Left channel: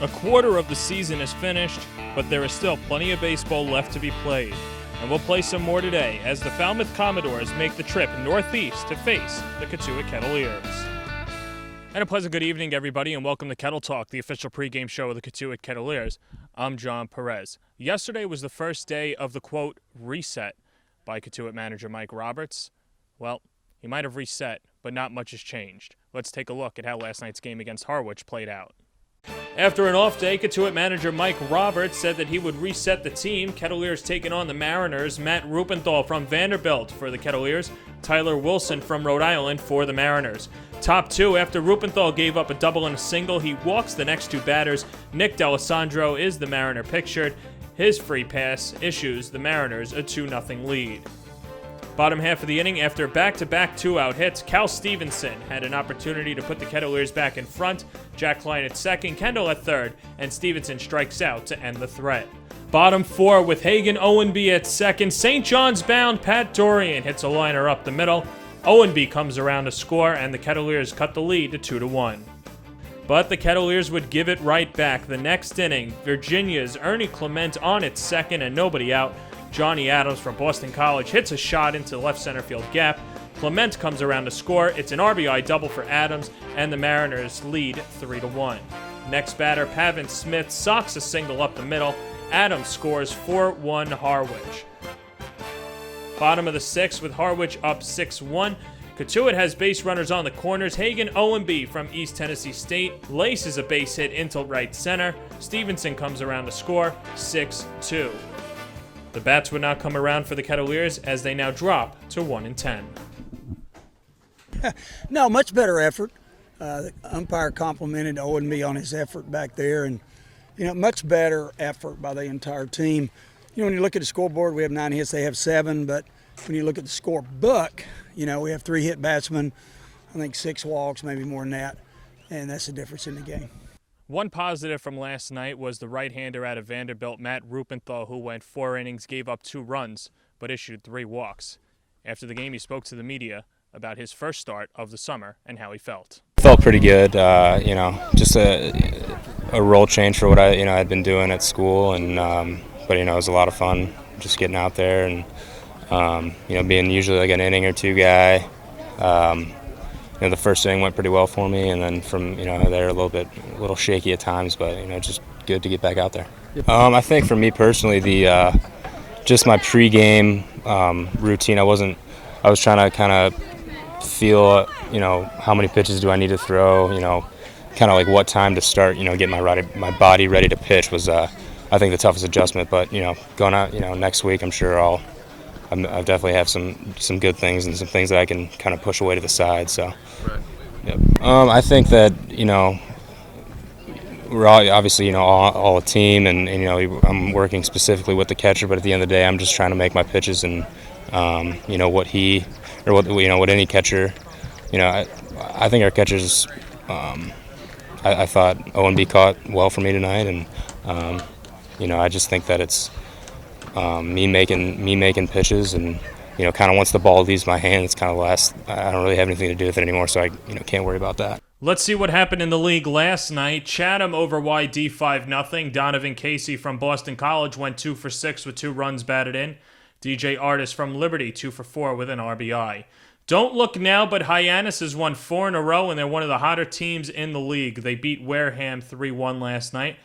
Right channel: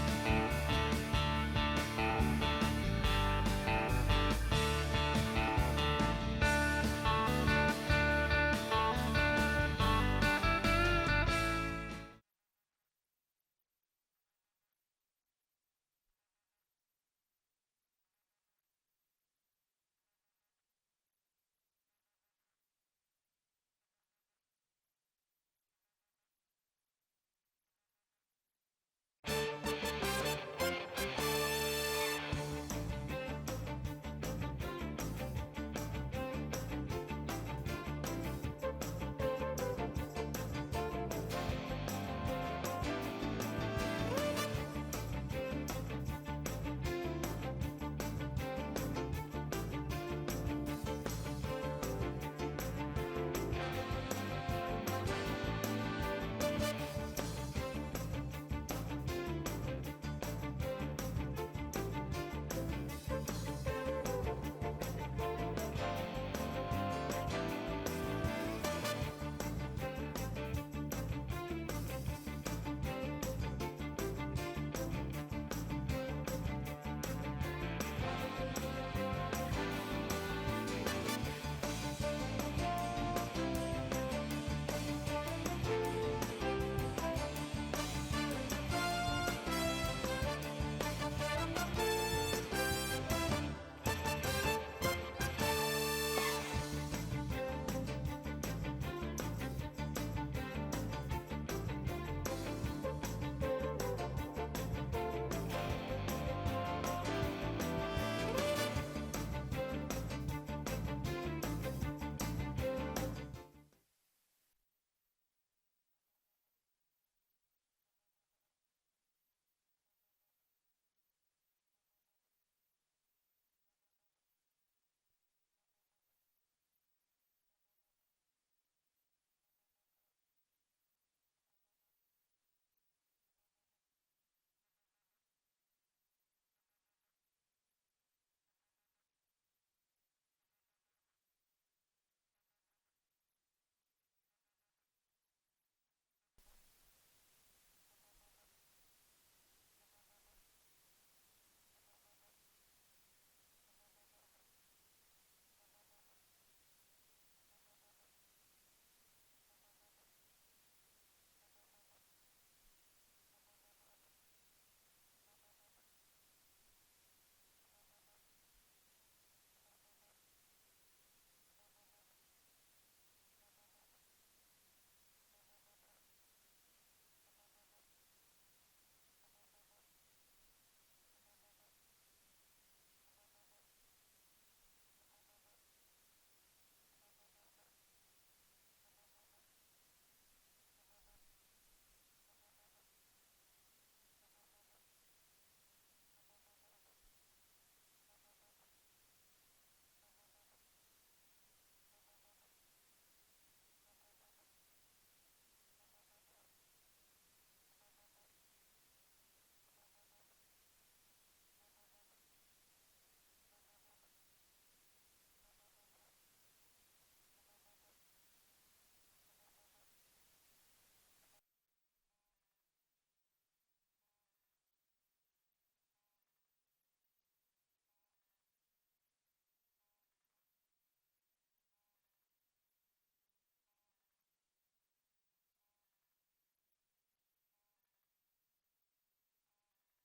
A quarter of the season is finished, but there is still plenty of baseball left to be played. And we'll play some more today as the Falmouth Commodores make the trip northeast to face the Cotuit Kettleers. And a pleasant good evening, everybody, and welcome to Kettle Talk, the official pregame show of the Cotuit Kettleers. I'm Jon Perez. Yesterday was the first day of the, quote, reset by Cotuit manager Mike Roberts. Well, he might have reset, but not much has changed. Let's take a look at how last night's game against Harwich played out. After an off day, Cotuit manager Mike Roberts said that he would reset the team. Kettleers taking on the Mariners. Matt Rupenthal from Vanderbilt for the Kettleers. Tyler Wilson from Rhode Island for the Mariners. Top two, after Rupenthal gave up a double and a single, he walks the next two batters. Nick D'Alessandro is the Mariner pictured. His free pass issues the Mariners a 2-0 lead. Bottom half of the inning, after back-to-back two-out hits, Cal Stevenson had an opportunity to put the Kettleers back in front. Jack Klein at second, Kendall at third, and Stevenson strikes out to end the threat. Bottom four with Hagan Owenby at second. St. John's bound Pat Dorian hits a liner up the middle. Owenby comes around to score, and the Kettleers cut the lead to 2-1. But the Kettleers would give it right back. The next inning, Virginia's Ernie Clement on at second and nobody out. Johnny Adams from Boston College hits a shot into the left center field gap. Clement comes around to score. It's an RBI double for Adams, and the Mariners lead 3-1. Next batter, Pavin Smith socks a single up the middle. Adams scores 4-1 Harwich. Bottom of the sixth with Harwich up 6-1. Cotuit has base runners on the corners. Hagan Owenby from East Tennessee State laces a base hit into right center. Stevenson comes around to score 6-2. The bats would not come around for the Kettleers as they now drop to 1-10. No, much better effort. The umpire complimented Owenby on his effort back there, and much better effort by the entire team. When you look at the scoreboard, we have 9 hits, they have 7, but when you look at the scorebook, we have 3 hit batsmen, I think 6 walks, maybe more than that, and that's the difference in the game. One positive from last night was the right-hander out of Vanderbilt, Matt Rupenthal, who went 4 innings, gave up 2 runs, but issued 3 walks. After the game, he spoke to the media about his first start of the summer and how he felt. Felt pretty good, just a role change for what I had been doing at school, and but it was a lot of fun just getting out there and being usually like an inning or 2 guy. The first inning went pretty well for me, and then from there a little shaky at times, but just good to get back out there. I think for me personally, the just my pregame routine. I was trying to kind of feel how many pitches do I need to throw. Kind of like what time to start. Get my body ready to pitch was I think the toughest adjustment. But going out next week, I'm sure I definitely have some good things and some things that I can kind of push away to the side. So, right. Yep. I think that we're all, obviously all a team, and I'm working specifically with the catcher. But at the end of the day, I'm just trying to make my pitches, and what he or what any catcher. I think our catchers. I thought Owenby caught well for me tonight, and I just think that it's. Me making pitches, and kind of once the ball leaves my hand, it's kind of last. I don't really have anything to do with it anymore, so I can't worry about that. Let's see what happened in the league last night. Chatham over YD 5-0. Donovan Casey from Boston College went 2 for 6 with 2 runs batted in. DJ Artis from Liberty 2 for 4 with an RBI. Don't look now, but Hyannis has won 4 in a row, and they're one of the hotter teams in the league. They beat Wareham 3-1 last night.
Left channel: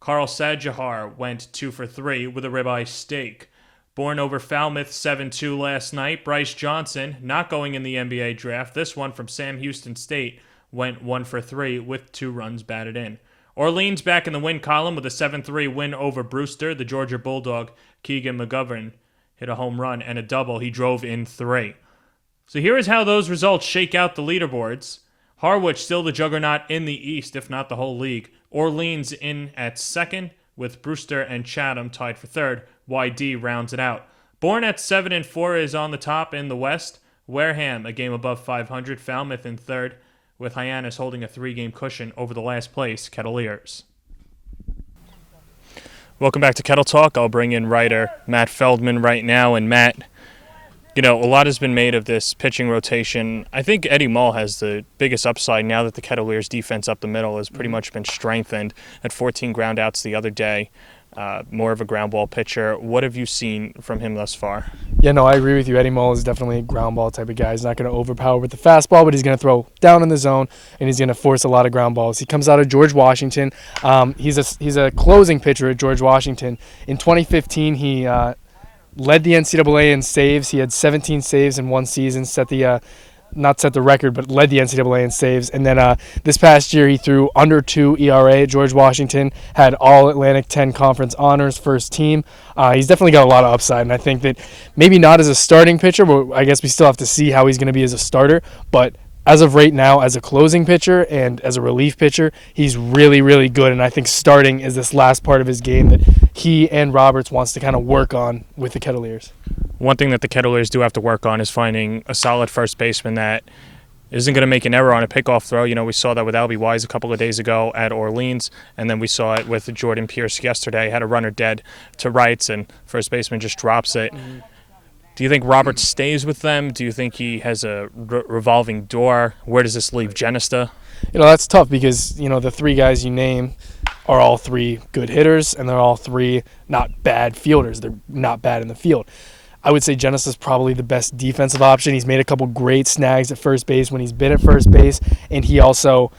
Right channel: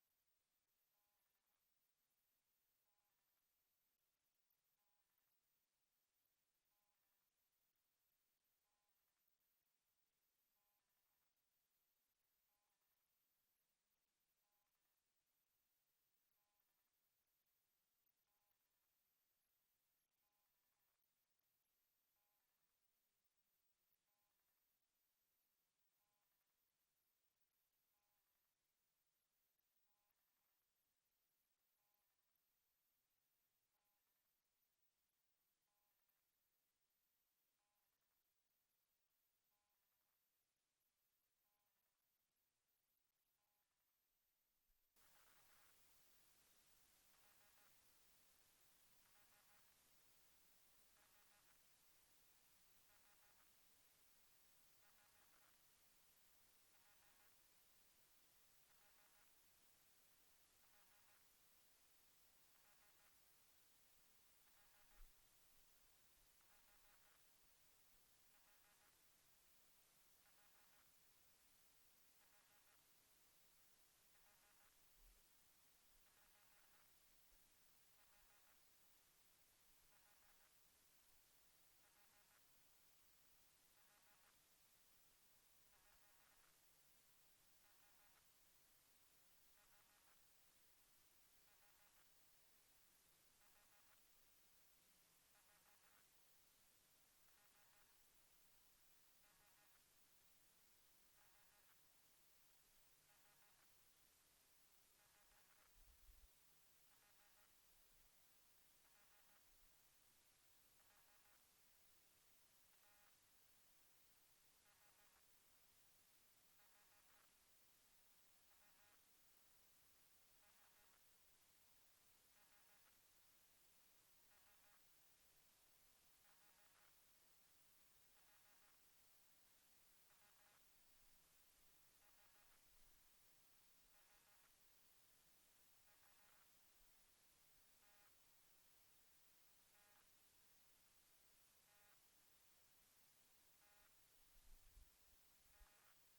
Carl Sajahar went 2 for 3 with a ribeye steak. Born over Falmouth 7-2 last night. Bryce Johnson, not going in the NBA draft. This one from Sam Houston State went 1 for 3 with 2 runs batted in. Orleans back in the win column with a 7-3 win over Brewster. The Georgia Bulldog, Keegan McGovern, hit a home run and a double. He drove in 3. So here is how those results shake out the leaderboards. Harwich still the juggernaut in the East, if not the whole league. Orleans in at second, with Brewster and Chatham tied for third. YD rounds it out. Bourne at 7-4 is on the top in the West. Wareham a game above 500. Falmouth in third, with Hyannis holding a 3-game cushion over the last place Kettleers. Welcome back to Kettle Talk. I'll bring in writer Matt Feldman right now. And Matt, You know, a lot has been made of this pitching rotation. I think Eddie Mull has the biggest upside now that the Kettleers defense up the middle has pretty much been strengthened. At 14 ground outs the other day, more of a ground ball pitcher. What have you seen from him thus far? Yeah, no, I agree with you. Eddie Mull is definitely a ground ball type of guy. He's not going to overpower with the fastball, but he's going to throw down in the zone, and he's going to force a lot of ground balls. He comes out of George Washington. He's a closing pitcher at George Washington. In 2015, he led the NCAA in saves. He had 17 saves in one season, not set the record, but led the NCAA in saves. And then this past year, he threw under 2 ERA at George Washington, had all Atlantic 10 Conference honors, first team. He's definitely got a lot of upside, and I think that maybe not as a starting pitcher, but I guess we still have to see how he's going to be as a starter. But as of right now, as a closing pitcher and as a relief pitcher, he's really, really good. And I think starting is this last part of his game that he and Roberts wants to kind of work on with the Kettleers. One thing that the Kettleers do have to work on is finding a solid first baseman that isn't going to make an error on a pickoff throw. You know, we saw that with Albie Wise a couple of days ago at Orleans, and then we saw it with Jordan Pierce yesterday. Had a runner dead to rights, and first baseman just drops it. Mm-hmm. Do you think Roberts stays with them? Do you think he has a revolving door? Where does this leave Genesta? You know, that's tough because, you know, the 3 guys you name are all 3 good hitters, and they're all 3 not bad fielders. They're not bad in the field. I would say Genesta is probably the best defensive option. He's made a couple great snags at first base when he's been at first base, and he also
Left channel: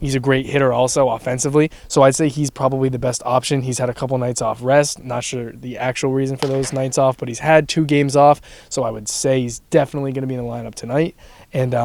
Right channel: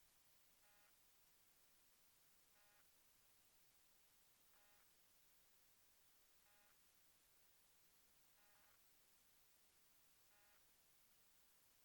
he's a great hitter also offensively. So I'd say he's probably the best option. He's had a couple nights off rest. Not sure the actual reason for those nights off, but he's had 2 games off. So I would say he's definitely going to be in the lineup tonight. And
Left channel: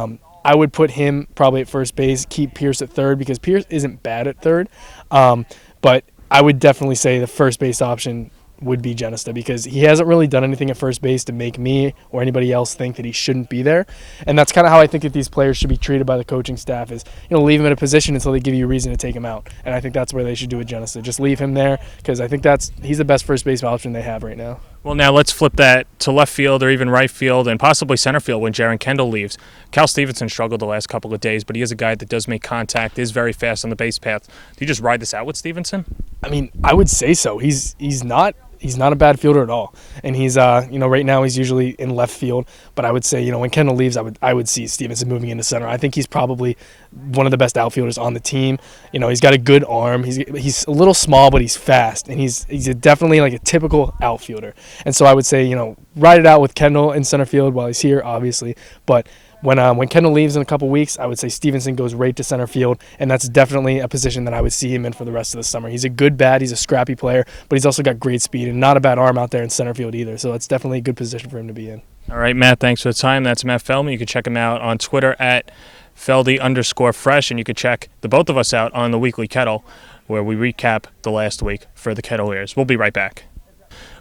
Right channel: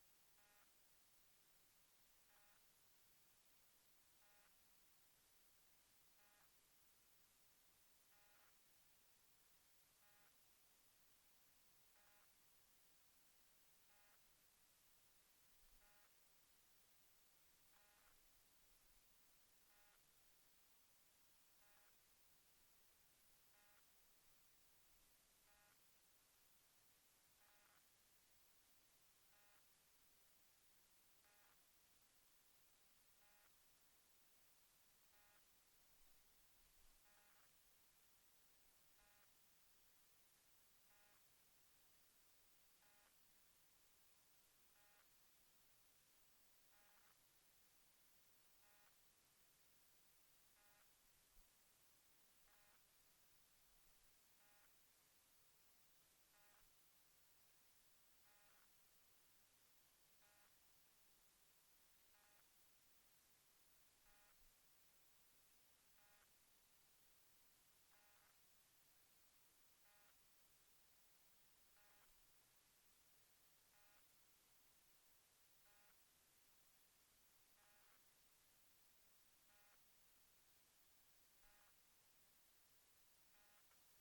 I would put him probably at first base, keep Pierce at third because Pierce isn't bad at third. But I would definitely say the first base option would be Genesta because he hasn't really done anything at first base to make me or anybody else think that he shouldn't be there. And that's kind of how I think that these players should be treated by the coaching staff is, you know, leave him in a position until they give you a reason to take him out. And I think that's where they should do with Genesta. Just leave him there because I think he's the best first base option they have right now. Well, now let's flip that to left field or even right field and possibly center field when Jeren Kendall leaves. Cal Stevenson struggled the last couple of days, but he is a guy that does make contact, is very fast on the base path. Do you just ride this out with Stevenson? I mean, I would say so. He's not a bad fielder at all. And he's, right now he's usually in left field. But I would say, when Kendall leaves, I would see Stevenson moving into center. I think he's probably one of the best outfielders on the team. He's got a good arm. He's a little small, but he's fast. And he's definitely like a typical outfielder. And so I would say, ride it out with Kendall in center field while he's here, obviously. But when Kendall leaves in a couple weeks, I would say Stevenson goes right to center field, and that's definitely a position that I would see him in for the rest of the summer. He's a good bat, he's a scrappy player, but he's also got great speed and not a bad arm out there in center field either. So it's definitely a good position for him to be in. All right, Matt, thanks for the time. That's Matt Feldman. You can check him out on Twitter at Feldy_fresh, and you can check the both of us out on the Weekly Kettle, where we recap the last week for the Kettleers. We'll be right back.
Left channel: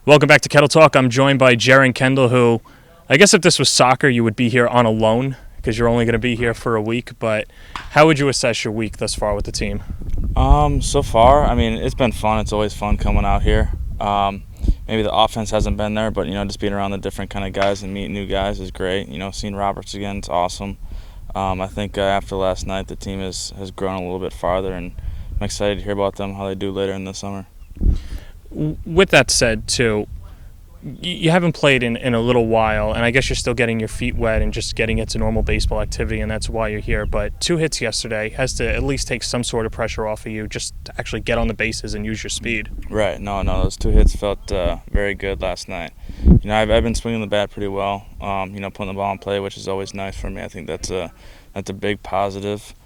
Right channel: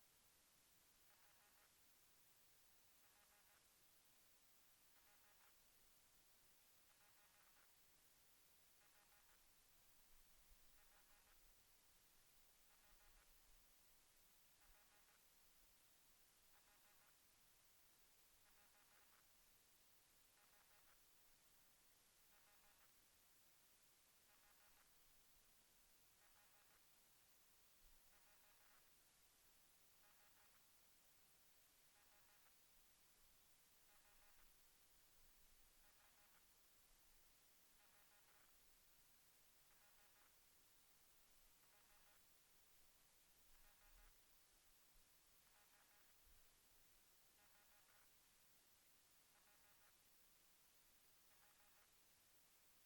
Welcome back to Kettle Talk. I'm joined by Jeren Kendall, who I guess if this was soccer, you would be here on a loan because you're only going to be here for a week. But how would you assess your week thus far with the team? So far, I mean, it's been fun. It's always fun coming out here. Maybe the offense hasn't been there, but, just being around the different kind of guys and meeting new guys is great. Seeing Roberts again, it's awesome. I think after last night, the team has grown a little bit farther, and I'm excited to hear about them, how they do later in the summer. With that said, too, you haven't played in a little while, and I guess you're still getting your feet wet and just getting into normal baseball activity, and that's why you're here. But 2 hits yesterday has to at least take some sort of pressure off of you just to actually get on the bases and use your speed. Right. No, those 2 hits felt very good last night. I've been swinging the bat pretty well, putting the ball in play, which is always nice for me. I think that's a big positive.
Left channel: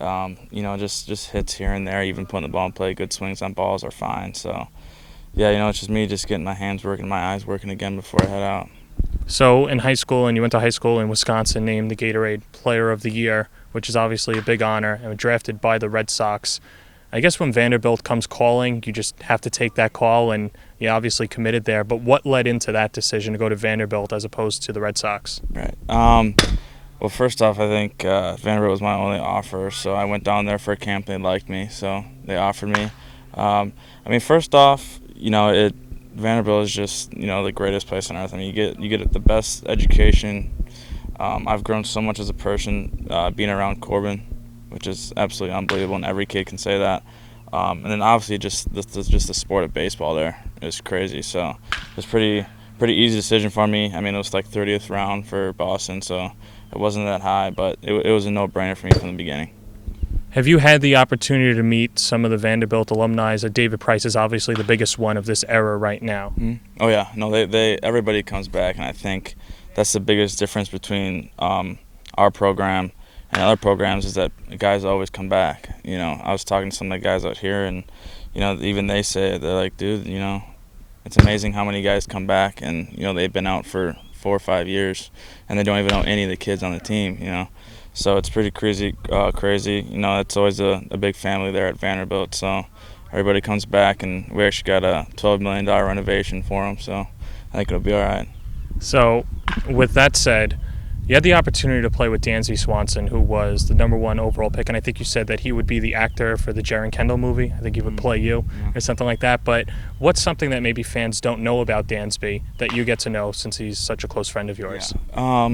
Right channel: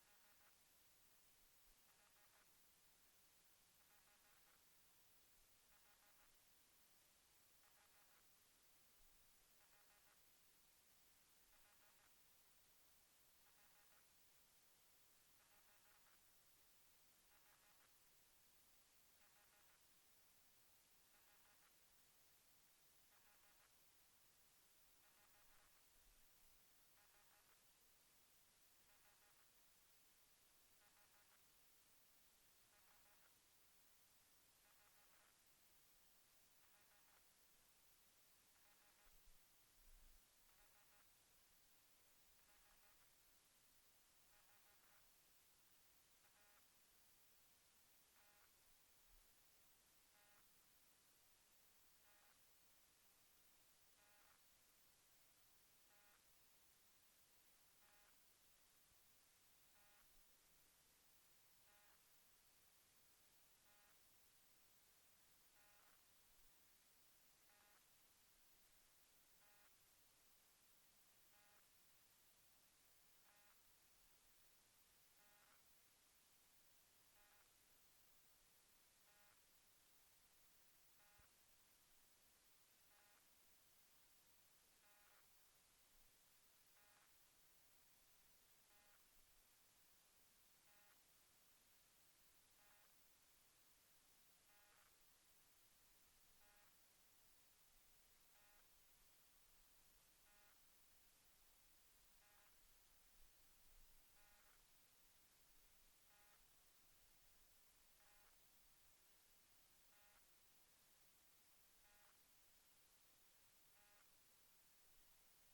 Just hits here and there, even putting the ball in play, good swings on balls are fine. So, yeah, it's just me just getting my hands working, my eyes working again before I head out. So in high school, and you went to high school in Wisconsin, named the Gatorade Player of the Year, which is obviously a big honor, and drafted by the Red Sox. I guess when Vanderbilt comes calling, you just have to take that call, and you obviously committed there. But what led into that decision to go to Vanderbilt as opposed to the Red Sox? Right. Well, first off, I think Vanderbilt was my only offer, so I went down there for a camp. They liked me, so they offered me. First off, Vanderbilt is just the greatest place on earth. I mean, you get the best education. I've grown so much as a person being around Corbin, which is absolutely unbelievable, and every kid can say that. And then obviously just the sport of baseball there is crazy. So it's pretty pretty easy decision for me. I mean, it was like 30th round for Boston, so it wasn't that high, but it was a no-brainer for me from the beginning. Have you had the opportunity to meet some of the Vanderbilt alumni? David Price is obviously the biggest one of this era right now. Mm-hmm. Oh yeah, no, everybody comes back, and I think that's the biggest difference between our program and other programs is that guys always come back. You know, I was talking to some of the guys out here, and you know, even they say it, they're like, dude, you know, it's amazing how many guys come back, and you know, they've been out for 4 or 5 years, and they don't even know any of the kids on the team. You know. So it's pretty crazy. You know, it's always a big family there at Vanderbilt. So everybody comes back, and we actually got a $12 million renovation for them. So I think it'll be all right. So with that said, you had the opportunity to play with Dansby Swanson, who was the #1 overall pick, and I think you said that he would be the actor for the Jeren Kendall movie. I think he would play you or something like that. But what's something that maybe fans don't know about Dansby that you get to know since he's such a close friend of yours? Yeah.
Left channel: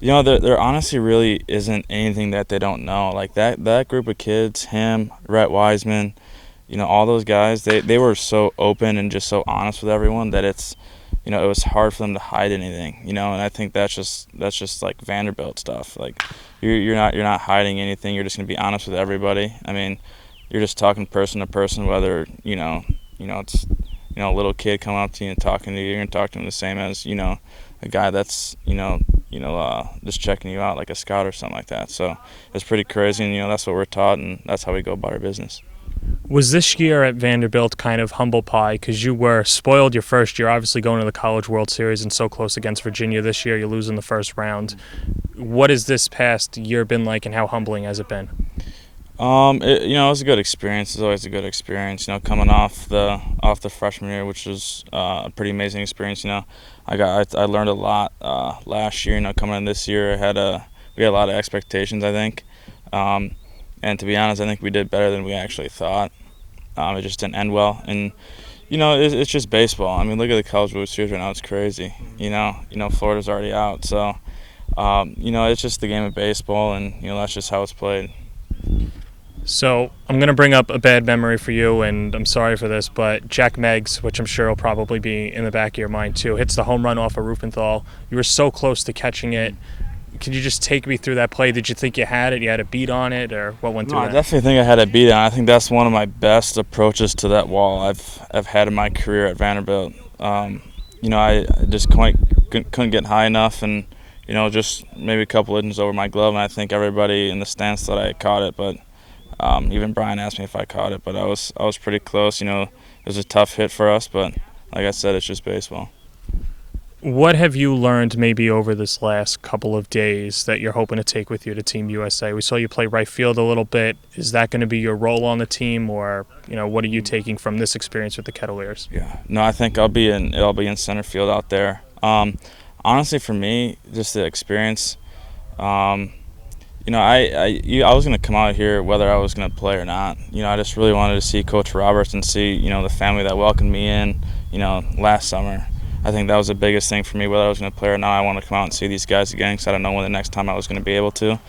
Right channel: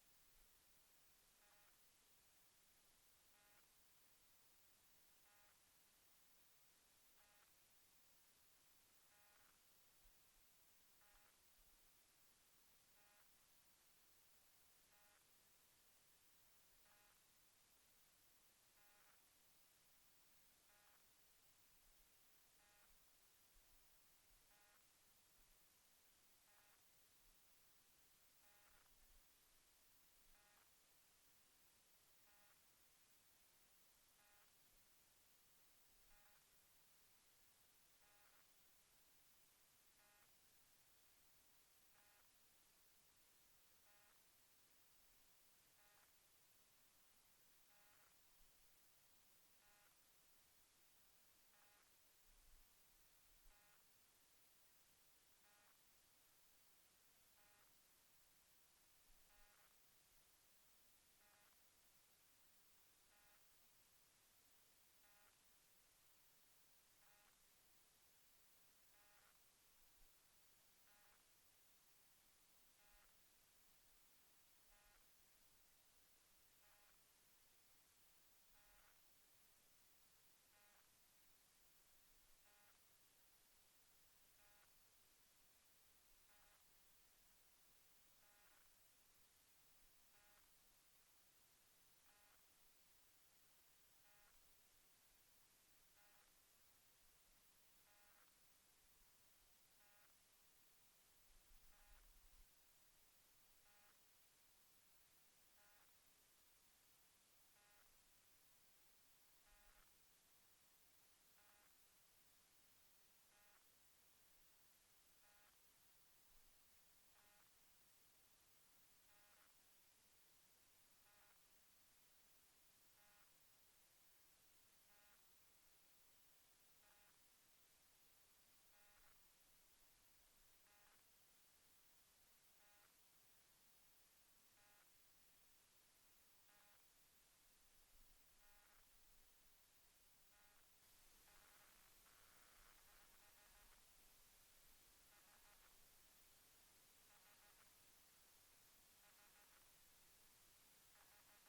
You know, there honestly really isn't anything that they don't know. Like that group of kids, him, Rhett Wiseman, you know, all those guys, they were so open and just so honest with everyone that it's, you know, it was hard for them to hide anything, you know, and I think that's just like Vanderbilt stuff. Like you're not hiding anything. You're just gonna be honest with everybody. I mean, you're just talking person to person, whether you know it's a little kid coming up to you and talking to you. You're gonna talk to him the same as a guy that's just checking you out like a scout or something like that. So it's pretty crazy, and that's what we're taught, and that's how we go about our business. Was this year at Vanderbilt kind of humble pie because you were spoiled your first year, obviously going to the College World Series and so close against Virginia this year, you lose in the first round. What has this past year been like, and how humbling has it been? It was a good experience. It's always a good experience. Coming off the freshman year, which was a pretty amazing experience. I learned a lot last year. Coming in this year, we had a lot of expectations, I think. And to be honest, I think we did better than we actually thought. It just didn't end well. And, it's just baseball. I mean, look at the College World Series right now. It's crazy. Florida's already out. So, it's just the game of baseball, and, that's just how it's played. So I'm going to bring up a bad memory for you, and I'm sorry for this, but Jack Meggs, which I'm sure will probably be in the back of your mind too, hits the home run off of Rupenthal. You were so close to catching it. Could you just take me through that play? Did you think you had it? You had a beat on it, or what went through that? I definitely think I had a beat on it. I think that's one of my best approaches to that wall I've had in my career at Vanderbilt. I just couldn't get high enough, and just maybe a couple inches over my glove, and I think everybody in the stands thought I had caught it, but even Brian asked me if I caught it, but I was pretty close. It was a tough hit for us, but like I said, it's just baseball. What have you learned maybe over this last couple of days that you're hoping to take with you to Team USA? We saw you play right field a little bit. Is that going to be your role on the team, or what are you taking from this experience with the Kettleers? Yeah, no, I think I'll be in center field out there. Honestly, for me, just the experience. I was going to come out here whether I was going to play or not. I just really wanted to see Coach Roberts and see the family that welcomed me in. Last summer. I think that was the biggest thing for me, whether I was going to play or not. I want to come out and see these guys again because I don't know when the next time I was going to be able to.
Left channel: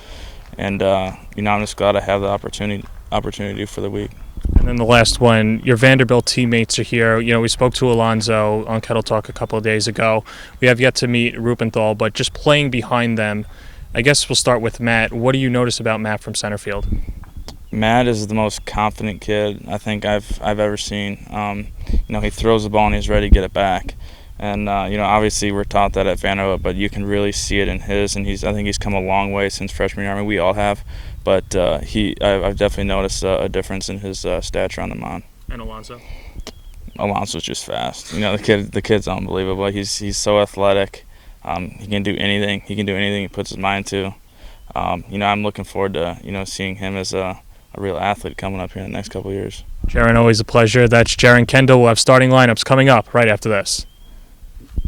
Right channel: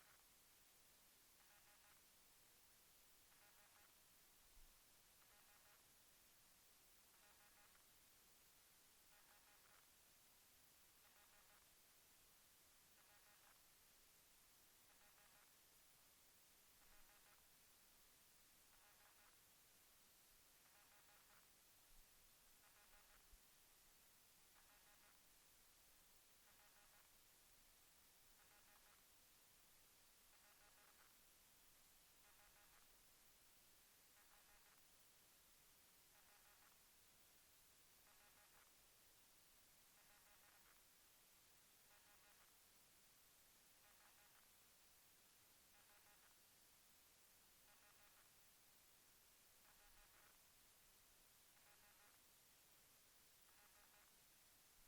And, I'm just glad I have the opportunity for the week. And then the last one, your Vanderbilt teammates are here. We spoke to Alonzo on Kettle Talk a couple of days ago. We have yet to meet Rupenthal, but just playing behind them, I guess we'll start with Matt. What do you notice about Matt from center field? Matt is the most confident kid I think I've ever seen. He throws the ball and he's ready to get it back. And obviously we're taught that at Vanderbilt, but you can really see it in his. And I think he's come a long way since freshman year. I mean, we all have, but I've definitely noticed a difference in his stature on the mound. And Alonzo? Alonzo's just fast. The kid's unbelievable. He's so athletic. He can do anything. He can do anything he puts his mind to. I'm looking forward to seeing him as a real athlete coming up here in the next couple of years. Jeren, always a pleasure. That's Jeren Kendall. We'll have starting lineups coming up right after this.